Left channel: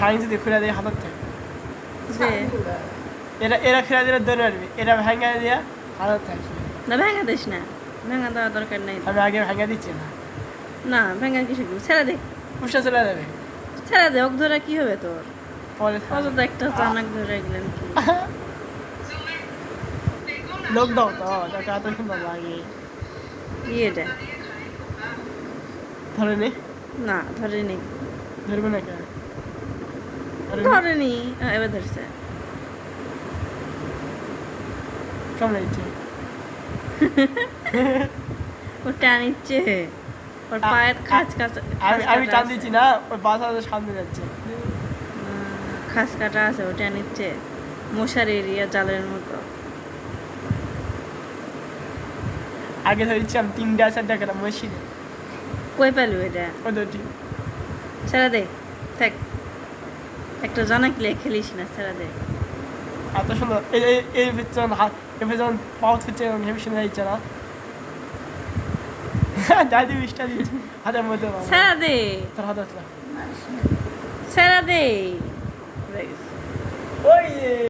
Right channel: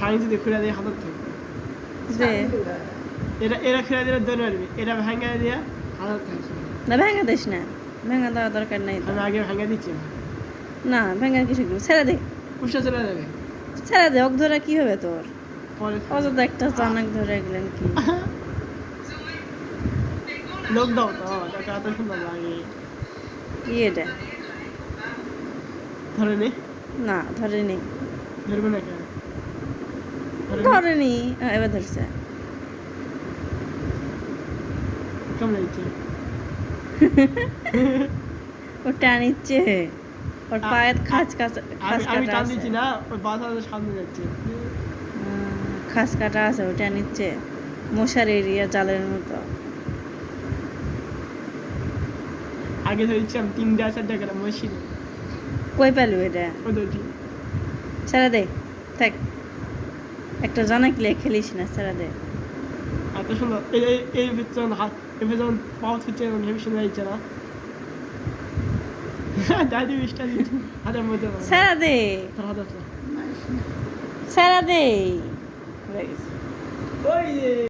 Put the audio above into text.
ছাড়ি যদি খুলে দিয়ে হাতত থাকে এরা এরা খুলে দিলে দৌড়ে মারবি এরা ভেঙে দিয়ে হাতত থাকে না ভেঙে দিস না। ভেঙে দেওয়ার দরকার নেই। আমি আগে ভেঙে দিচ্ছি না। না ভেঙে কিছু ছেড়ে দে। উঠে চলে যাবে। ছেড়ে দে ওক ধরে কি হবে তোর? অযথা একটা চানাক ধরে গেলেন কি? লোক দাও। এটা ধরে নে না ধরেনি। ধরবে না ধরেনি। এবার ধরছে। ও টানিচ্ছে ওর পায়ের খাঁচ আমি টান দিচ্ছি না ওর বাসা সামনে যাচ্ছে। খাঁচ কাটা আছে ও টানিচ্ছে মশার এরিয়া জালের মতো। আগে তিনটা চারটা গেলাম মেশিন। কই পেলু এটা? ছেড়ে দে থাক। একটা জানা কিলে খেলিস না সারা দে। এত সুন্দর এই এই- এই পেছন হাত বিচন পেছন হচ্ছে ভেবে শুনে দিচ্ছে না। দাদি মিষ্টি দিচ্ছে হাতের মধ্যে না। দে। তোর হাত ছেড়ে দে।